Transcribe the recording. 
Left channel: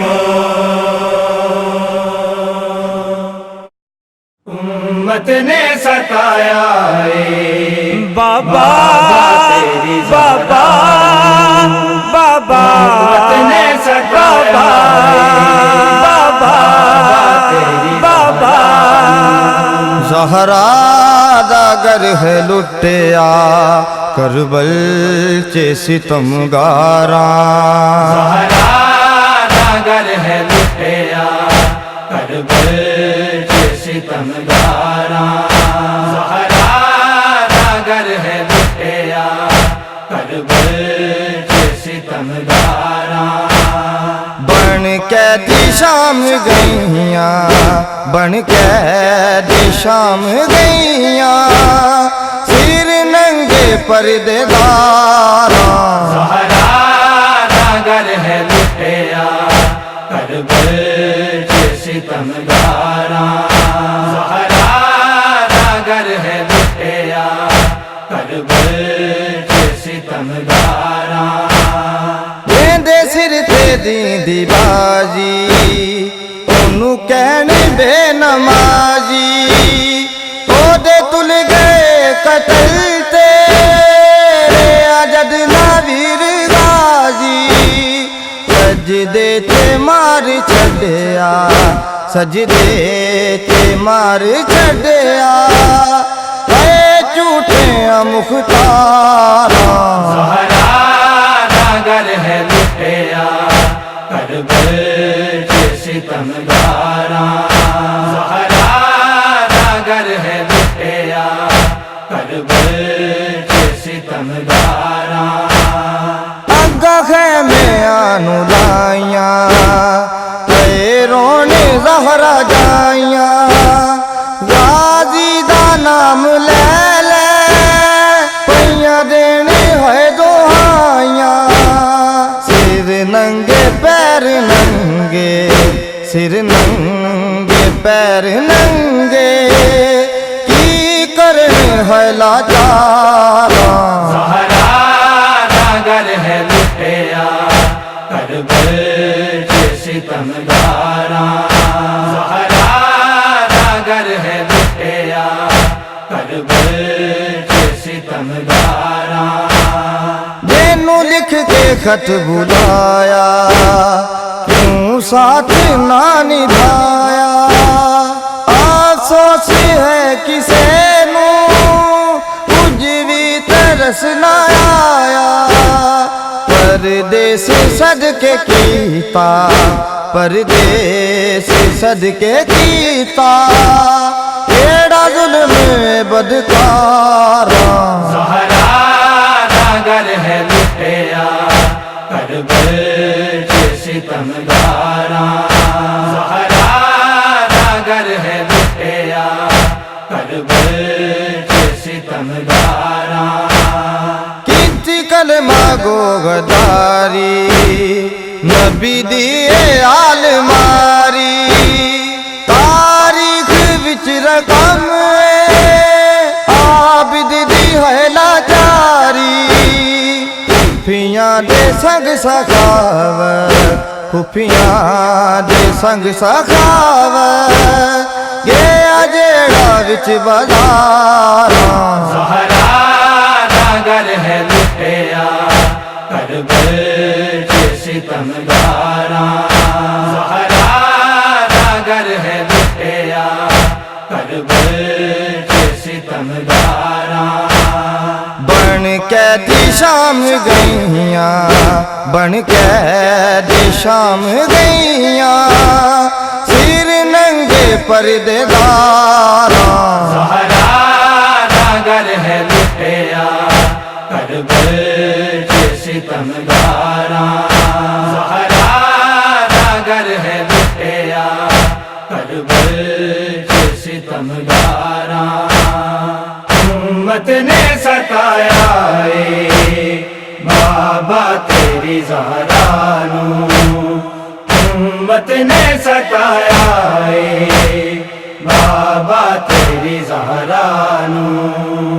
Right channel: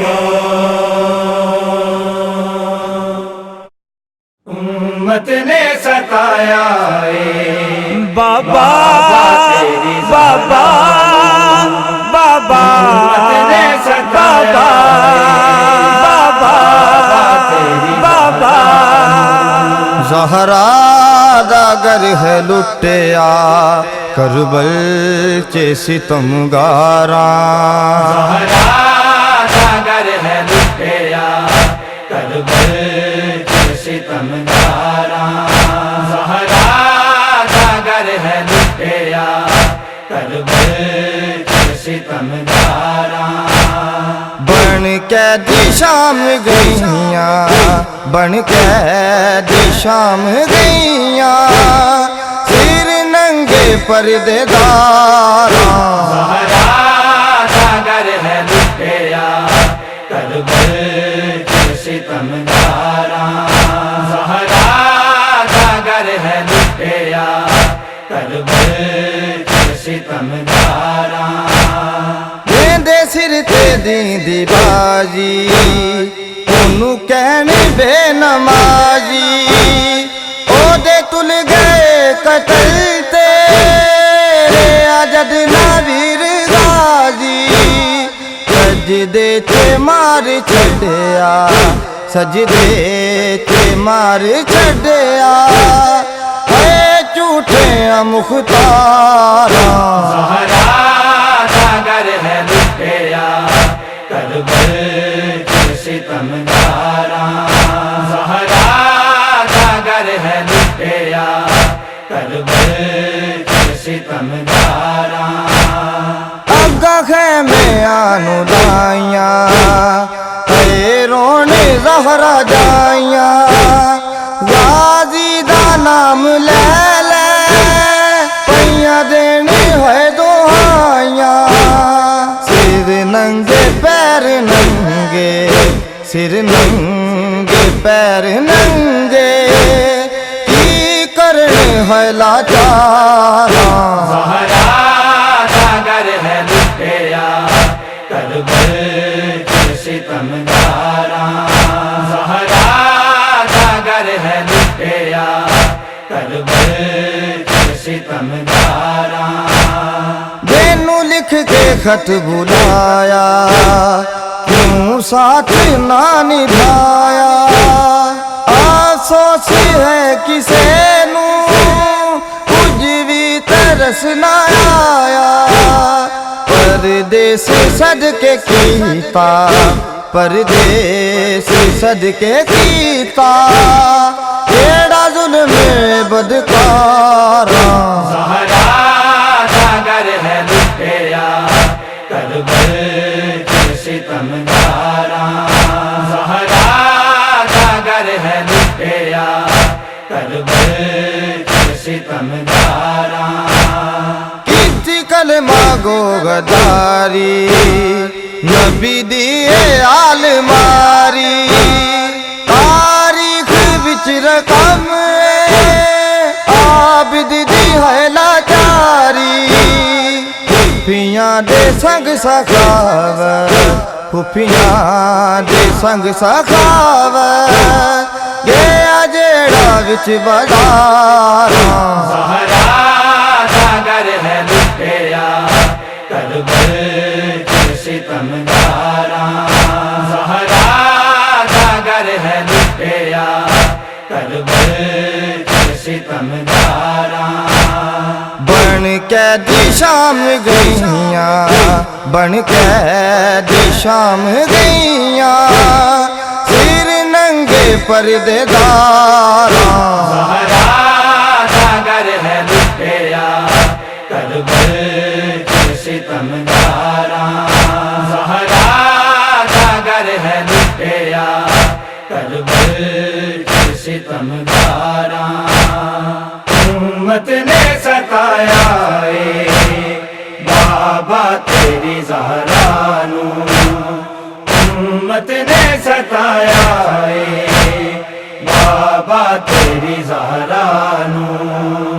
वो उम्मत ने सताया बाबा बाबा बाबा बाबा बाबा बाबा ज़हरा दा गर है लुटिया करबल चे सितमगारा ज़हरा दा गर है लुटिया करबल चे सितमगारा ज़हरा दा गर है लुटिया करबल चे सितमगारा बन कैदी शाम गईया बन कैदी शाम गईया सिर नंगे पर्देदारा ज़हरा दा गर है लुटिया करबल चे सितमगारा ज़हरा दा गर है लुटिया करबल चे सितमगारा दे सिर ते दी बाजी ओनू कहन बेनमाजी ओदे तुल गए कतल तेरे आजद नावीर गाजी सजदे ते मार छड़या सजदे ते मार छड़या है झूठे मुख्तारा ज़हरा दा गर है लुटिया करबल चे सितमगारा ज़हरा दा गर है लुटिया करबल चे सितमगारा अग्गा खैमे आनू लाइया ते रोने ज़हरा जाइया गाजी दा नाम ले ले पैया देने है दोहाइया सिर नंगे पैर नंगे सिर नंगे पैर नंगे की करन है लाचारा ज़हरा दा गर है लुटिया करबल चे सितमगारा ज़हरा दा गर है लुटिया करबल चे सितमगारा देनू लिख के खत बुलाया क्यों साथ ना निभाया अफसोस है किसे नू कुछ भी तरस ना आया परदेस सदके कीता परदेस सदके कीता केड़ा जुल्म बदकारा ज़हरा दा गर है लुटिया करबल चे सितमगारा ज़हरा दा गर है लुटिया करबल चे सितमगारा किती कलमा गो गदारी नबी दिए आल मारी तारीख विच रकम आबिद दी है लाचारी खुफियां दे संग सखावत खुफियां दे संग सखावत गया जेड़ा विच बाजारा ज़हरा दा गर है लुटिया करबल चे सितमगारा ज़हरा दा गर है लुटिया करबल चे सितमगारा बन कैदी शाम गईया बन कैदी शाम गईया सिर नंगे पर्देदारा ज़हरा दा गर है लुटिया करबल चे सितमगारा ज़हरा दा गर है लुटिया करबल चे सितमगारा उम्मत ने सताया बाबा तेरी ज़हरा नू उम्मत ने सताया बाबा तेरी ज़हरा नू